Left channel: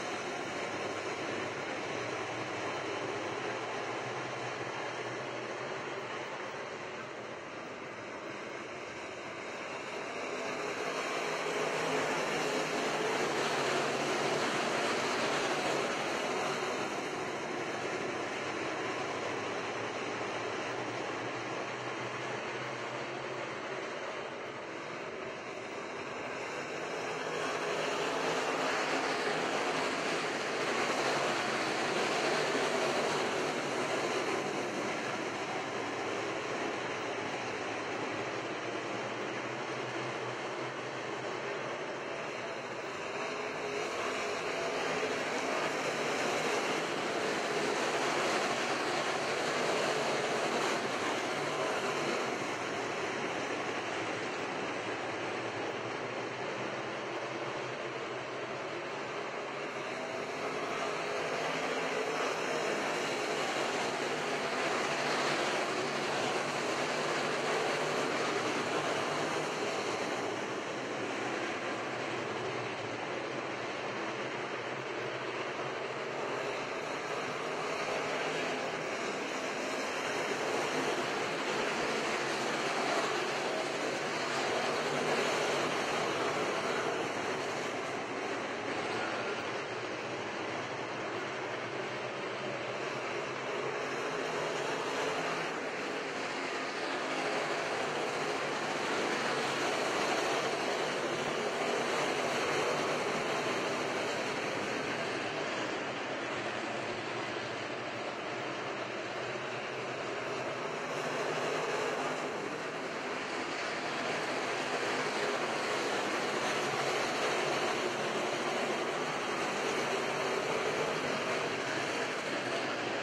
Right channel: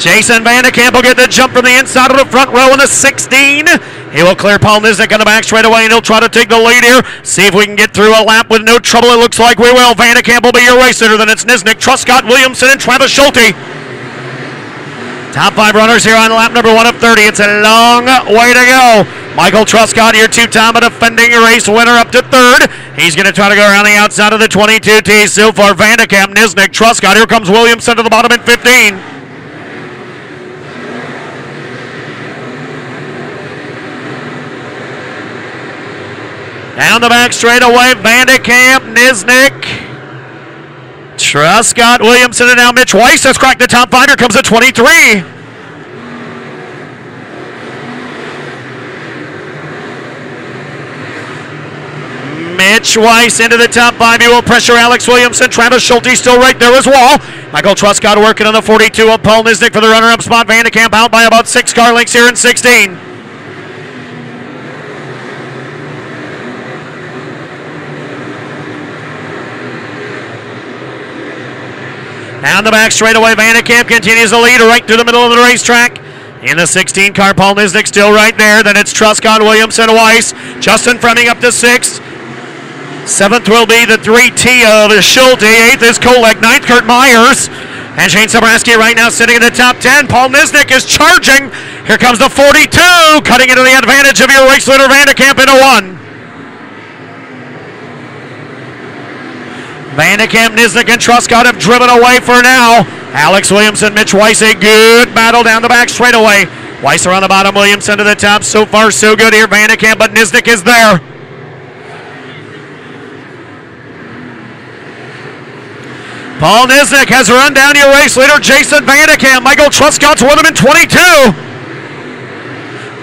Jason Vandekamp will get the jump from the inside of the front row in the 16. He will clear Paul Nisnik on the back straight away, and he'll try to take the lead here. See if we can get through a lap with no trouble. It looks like we will. Vandekamp will be your race leader. Then it's Nisnik, Truscott, Williamson, and Travis Schulte. Top 5 runners here on lap number 1 of 30. It's a long way to go. Michael Truscott, your two-time defending race winner, up to 3rd. He's going to try to go around the outside of the 22T. So far, Vandekamp, Nisnik, Truscott. Here comes Williamson to the bottom at 15. Down the back straightaway, Vandekamp, Nisnik, Truscott, Williamson, and now Mitch Weiss has cracked the top 5. Here comes the 23. Mitch Weiss into the top 5. He will pressure Alex Williamson. Travis Schulte still right there as well. Michael Truscott working on the 42 of Paul Nisnik for the runner-up spot. Vandekamp out by about 6 car lengths here in 16. Down the back straightaway, Vandekamp continues the lead right through the middle of the racetrack. In the 16 car, Paul Nisnik still right there. Then it's Truscott, Williamson, Weiss. Justin Fremming up to 6th. 7th will be the 3T of Schulte. 8th is Kolek. 9th, Kurt Myers. And Shane Sobraski right now sitting in the top 10. Paul Nisnik is charging. Here comes the 42, cutting into the advantage of your race leader, Vandekamp, into 1. Vandekamp, Nisnik, and Truscott have driven away for now. Alex Williamson, Mitch Weiss, a good battle down the back straightaway. Weiss around the bottom, Williamson to the top. So far, so good here, Vandekamp, but Nisnik is there. Paul Nisnik has run down your race leader, Jason Vandekamp. Michael Truscott's with him in 22.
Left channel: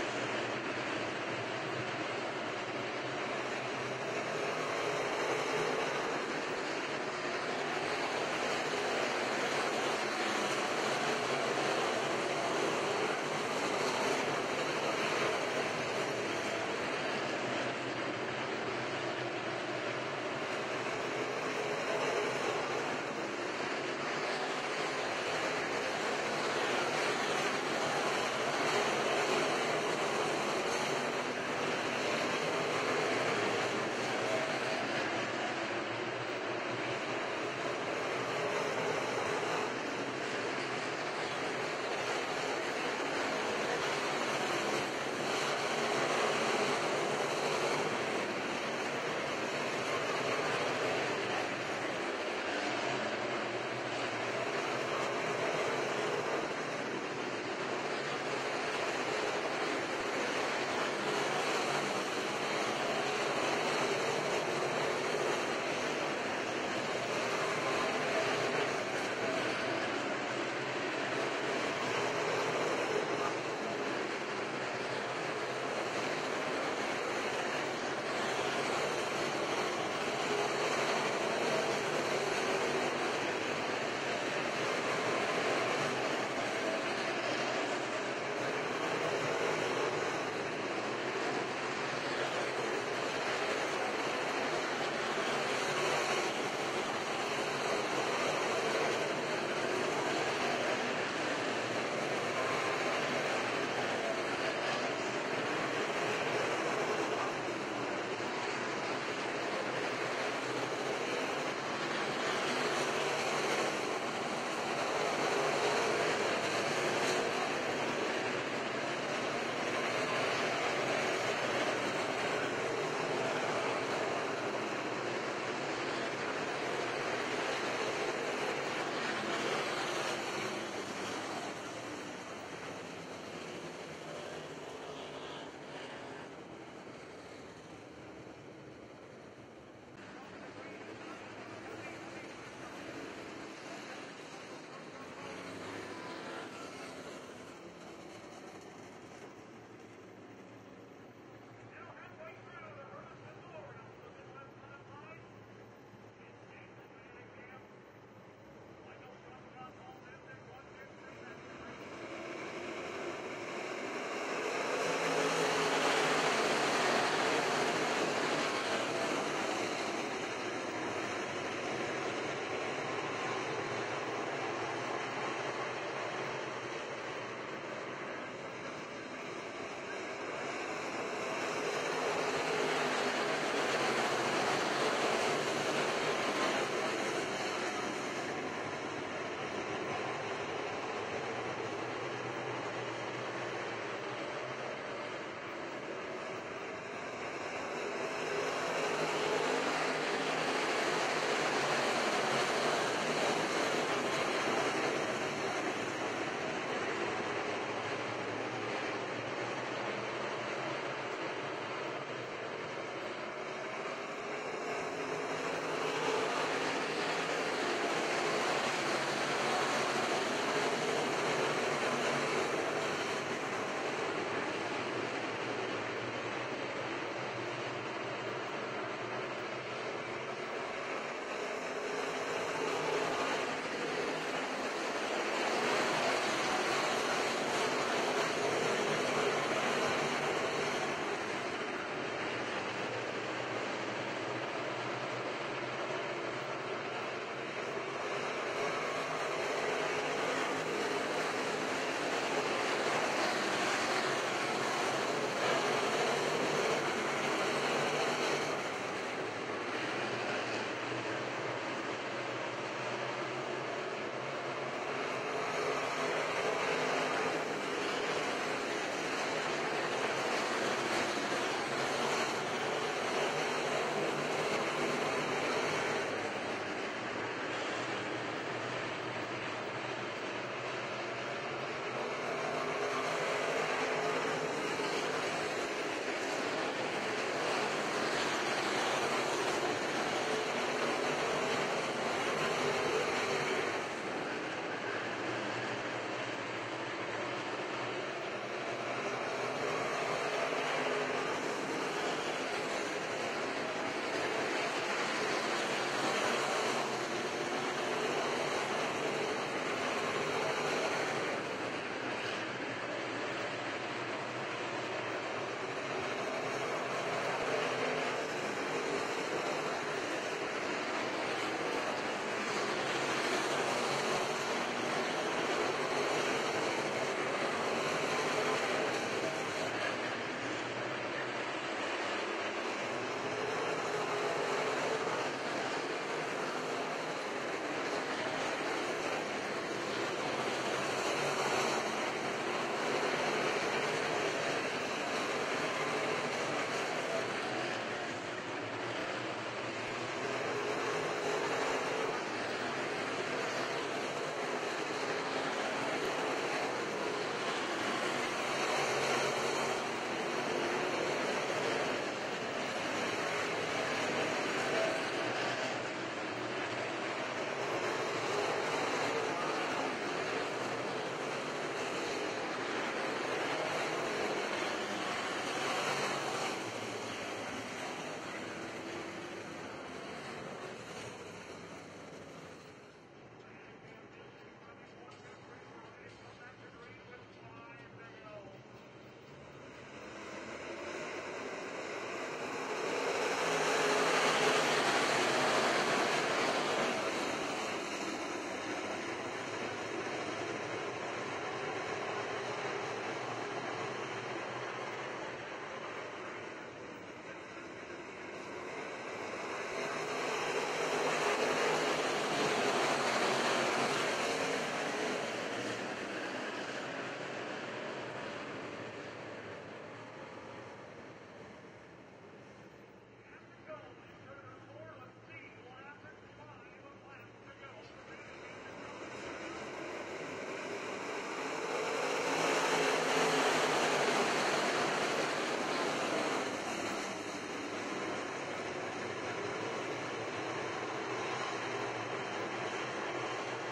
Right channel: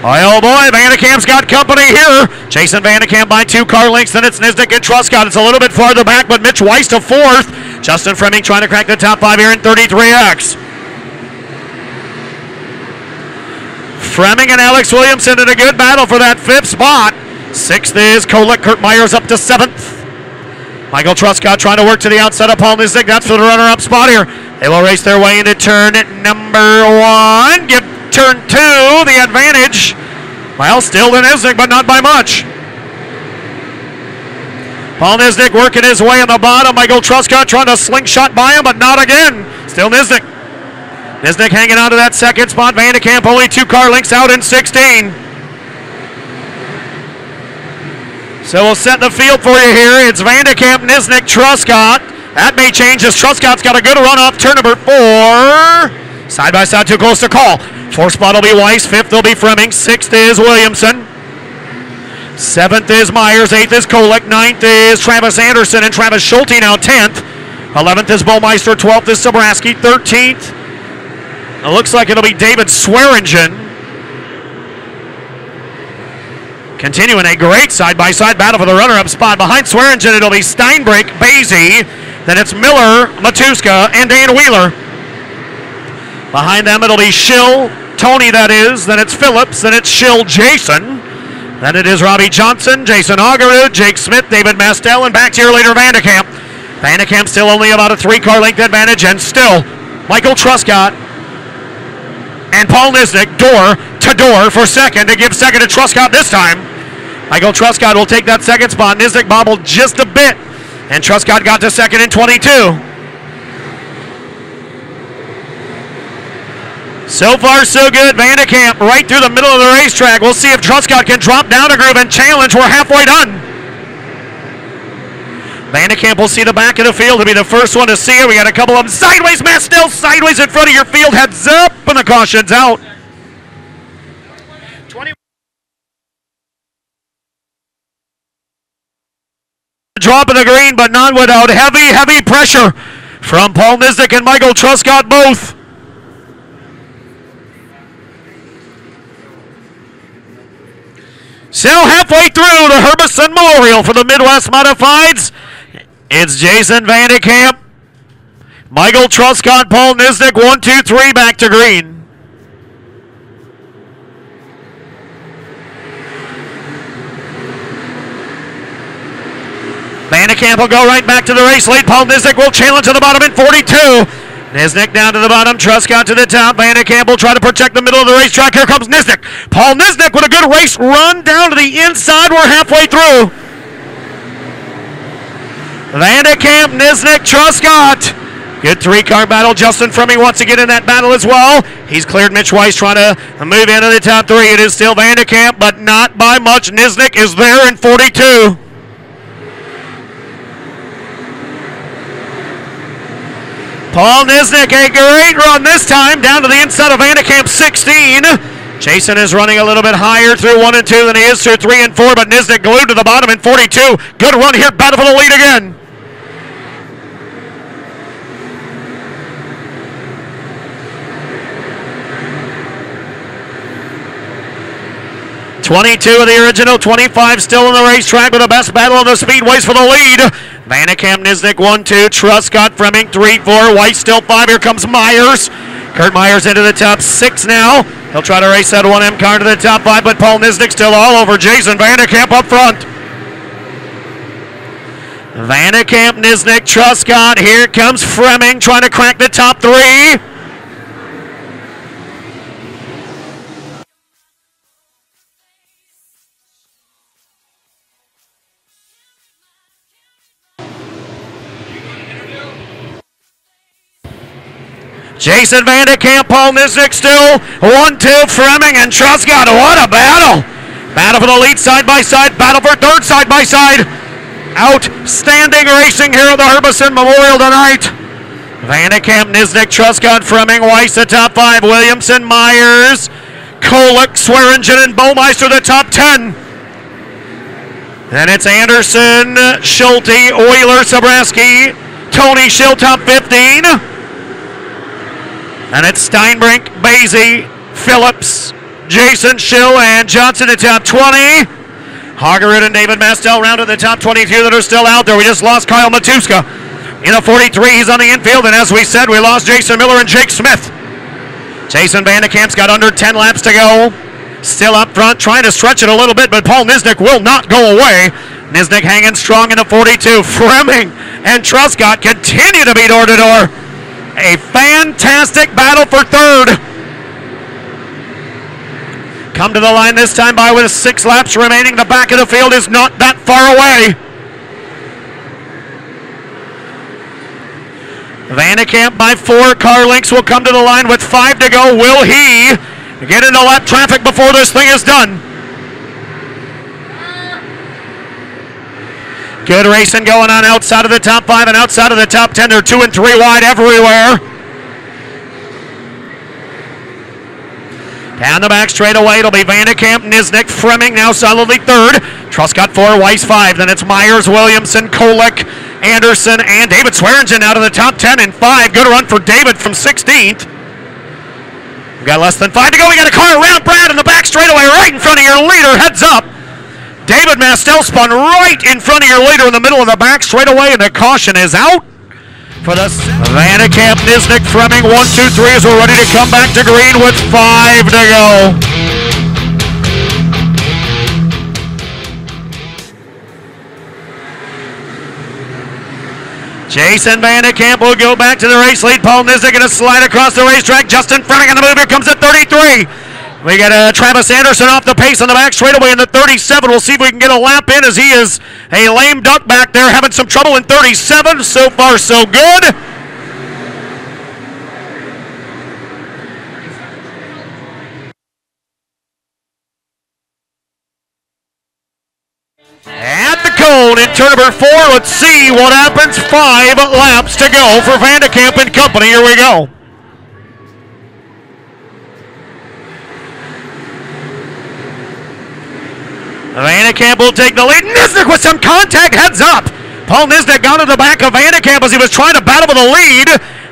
Oh boy, Vandekamp's got company here. Jason Vandekamp by 2 car lengths, then it's Nisnik and Truscott. It's a little bit farther back, but Mitch Weiss to 4th. Justin Fremming trying to crack the top 5 here in 33X. Fremming and Alex Williamson in a good battle for that 5th spot. 6th is Kolek. Kurt Myers up to 7th. Michael Truscott trying to work to the outside of Paul Nisnik. That's for the runner-up spot here. They will race their way into turn number 1. Give turn 2 the advantage. Well, still to Nisnik, but not by much. Paul Nisnik working his way on the bottom. Michael Truscott trying to slingshot by him, but not again. Still Nisnik. Nisnik hanging on to that 2nd spot. Vandekamp only 2 car lengths out in 16. So we'll set the field for you here. It's Vandekamp, Nisnik, Truscott. That may change as Truscott's got a good run off turn number 4. Side by side, too close to call. 4th spot will be Weiss. 5th will be Fremming. 6th is Williamson. 7th is Myers. 8th is Kolek. 9th is Travis Anderson and Travis Schulte now 10th. 11th is Bomeister. 12th is Sobraski. 13th. It looks like it'll be David Swearingen. Continuing a great side-by-side battle for the runner-up spot. Behind Swearingen, it'll be Steinbrink, Basie. Then it's Miller, Matuska, and Dan Wheeler. Behind them, it'll be Schill, Tony, that is. Then it's Phillips. Then it's Schill, Jason. Then it is Robbie Johnson, Jason Augerud, Jake Smith, David Mastel, and back to your leader, Vandekamp. Vandekamp still only about a 3-car length advantage, and still Michael Truscott and Paul Nisnik door to door for 2nd to give 2nd to Truscott this time. Michael Truscott will take that 2nd spot. Nisnik bobbled just a bit, and Truscott got to 2nd in 22. So far, so good. Vandekamp right through the middle of the racetrack. We'll see if Truscott can drop down a groove and challenge. We're halfway done. Vandekamp will see the back of the field to be the first one to see it. We got a couple of them sideways. Matt still sideways in front of your field. Heads up, and the caution's out. 20. Drop in the green, but not without heavy pressure from Paul Nisnik and Michael Truscott both. So halfway through the Herbison Memorial for the Midwest Modifieds, it's Jason Vandekamp, Michael Truscott, Paul Nisnik, 1, 2, 3, back to green. Vandekamp will go right back to the race lead. Paul Nisnik will challenge to the bottom in 42. Nisnik down to the bottom, Truscott to the top. Vandekamp will try to protect the middle of the racetrack. Here comes Nisnik. Paul Nisnik with a good race run down to the inside. We're halfway through. Vandekamp, Nisnik, Truscott. Good three-car battle. Justin Fremming wants to get in that battle as well. He's cleared Mitch Weiss trying to move into the top three. It is still Vandekamp, but not by much. Nisnik is there in 42. Paul Nisnik, a great run this time, down to the inside of Vandekamp, 16. Jason is running a little bit higher through 1 and 2 than he is through 3 and 4, but Nisnik glued to the bottom in 42. Good run here, battle for the lead again. .22 of the original, 25 still on the racetrack with the best battle of the speedways for the lead. Vandekamp, Nisnik, 1, 2. Truscott, Fremming, 3, 4. Weiss still 5. Here comes Myers. Kurt Myers into the top 6 now. He'll try to race that 1M car to the top 5, but Paul Nisnik still all over Jason Vandekamp up front. Vandekamp, Nisnik, Truscott. Here comes Fremming trying to crack the top 3. Jason Vandekamp, Paul Nisnik still 1, 2, Fremming and Truscott. What a battle! Battle for the lead side by side, battle for third side by side. Outstanding racing here at the Herbison Memorial tonight. Vandekamp, Nisnik, Truscott, Fremming, Weiss the top 5, Williamson, Myers, Kolek, Swearingen, and Baumeister the top 10. Then it's Anderson, Schulte, Euler, Sabraski, Tony Schill top 15. And it's Steinbrink, Basie, Phillips, Jason Schill, and Johnson at top 20. Hagerud and David Mastel round to the top 22 that are still out there. We just lost Kyle Matuska. In a 43, he's on the infield, and as we said, we lost Jason Miller and Jake Smith. Jason Vandekamp's got under 10 laps to go. Still up front, trying to stretch it a little bit, but Paul Nisnik will not go away. Nisnik hanging strong in the 42. Fremming and Truscott continue to be door to door. A fantastic battle for third. Come to the line this time by with 6 laps remaining. The back of the field is not that far away. Vandekamp by 4. Car lengths will come to the line with 5 to go. Will he get into lap traffic before this thing is done? Good racing going on outside of the top 5 and outside of the top 10. They're 2 and 3 wide everywhere. Down the back straightaway, it'll be Vandekamp, Nisnik, Fremming now solidly third. Truscott 4, Weiss 5. Then it's Myers, Williamson, Kolek, Anderson, and David Swearingen out of the top 10 and 5. Good run for David from 16th. We've got less than 5 to go. We got a car around Brad in the back straightaway right in front of your leader. Heads up. David Mastel spun right in front of your leader in the middle of the back straightaway, and the caution is out for the Vandekamp, Nisnik, Fremming, 1, 2, 3 as we're ready to come back to green with 5 to go. Jason Vandekamp will go back to the race lead. Paul Nisnik going to slide across the racetrack. Justin Fremming on the move. Here comes at 33. We got Travis Anderson off the pace on the back straightaway in the 37. We'll see if we can get a lap in as he is a lame duck back there having some trouble in 37. So far, so good. At the cone in turn number 4, let's see what happens. 5 laps to go for Vandekamp and company. Here we go. Vandekamp will take the lead. Nisnik with some contact, heads up. Paul Nisnik got to the back of Vandekamp as he was trying to battle for the lead.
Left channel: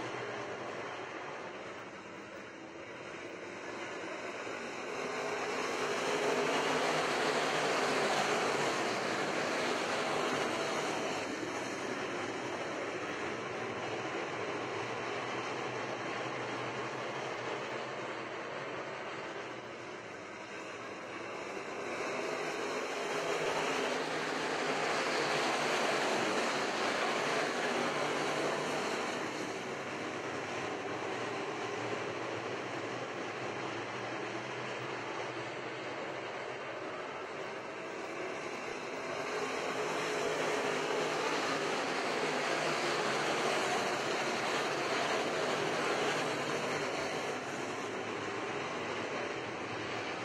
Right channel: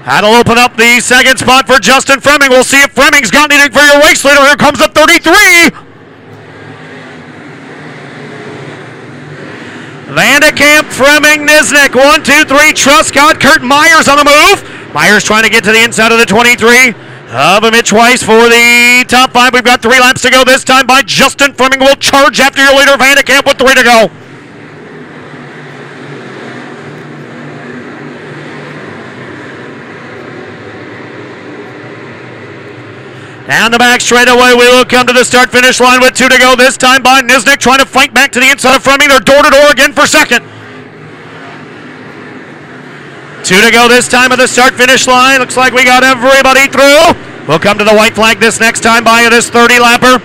That'll open up the second spot for Justin Fremming. We'll see if Fremming's got anything for your race leader. Here comes the 33. Vandekamp, Fremming, Nisnik, 1, 2, 3. Truscott, Kurt Myers on the move. Myers trying to get to the inside of the 23. Of Mitch Weiss for the top 5. We've got 3 laps to go this time by Justin Fremming. Will charge after your leader, Vandekamp, with 3 to go. Down the back straightaway, we will come to the start-finish line with 2 to go. This time by Nisnik trying to fight back to the inside of Fleming. They're door-to-door again for second. 2 to go this time at the start-finish line. Looks like we got everybody through. We'll come to the white flag this next time by this 30-lapper.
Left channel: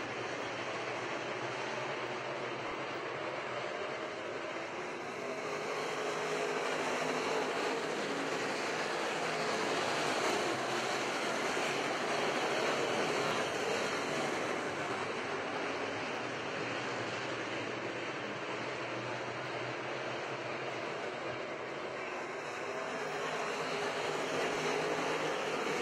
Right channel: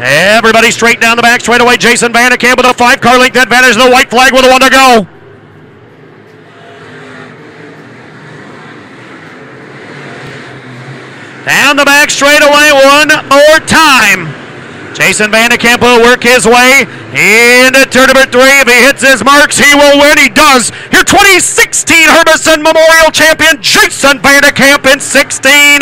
Everybody straight down the back straightaway. Jason Vandekamp with a 5-car length advantage. The white flag with a 1 to go. Down the back straightaway one more time. Jason Vandekamp will work his way into turn number 3. If he hits his marks, he will win. He does. Your 2016 Herbison Memorial Champion, Jason Vandekamp in 16.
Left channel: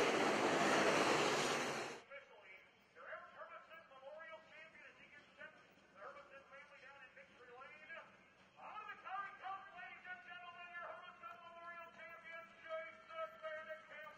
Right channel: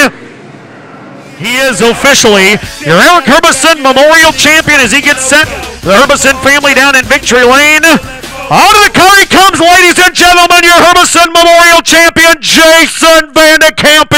He is officially your Eric Herbison Memorial Champion as he gets set. The Herbison family down in Victory Lane. Out of the car he comes, ladies and gentlemen, your Herbison Memorial Champion, Jason Vandekamp.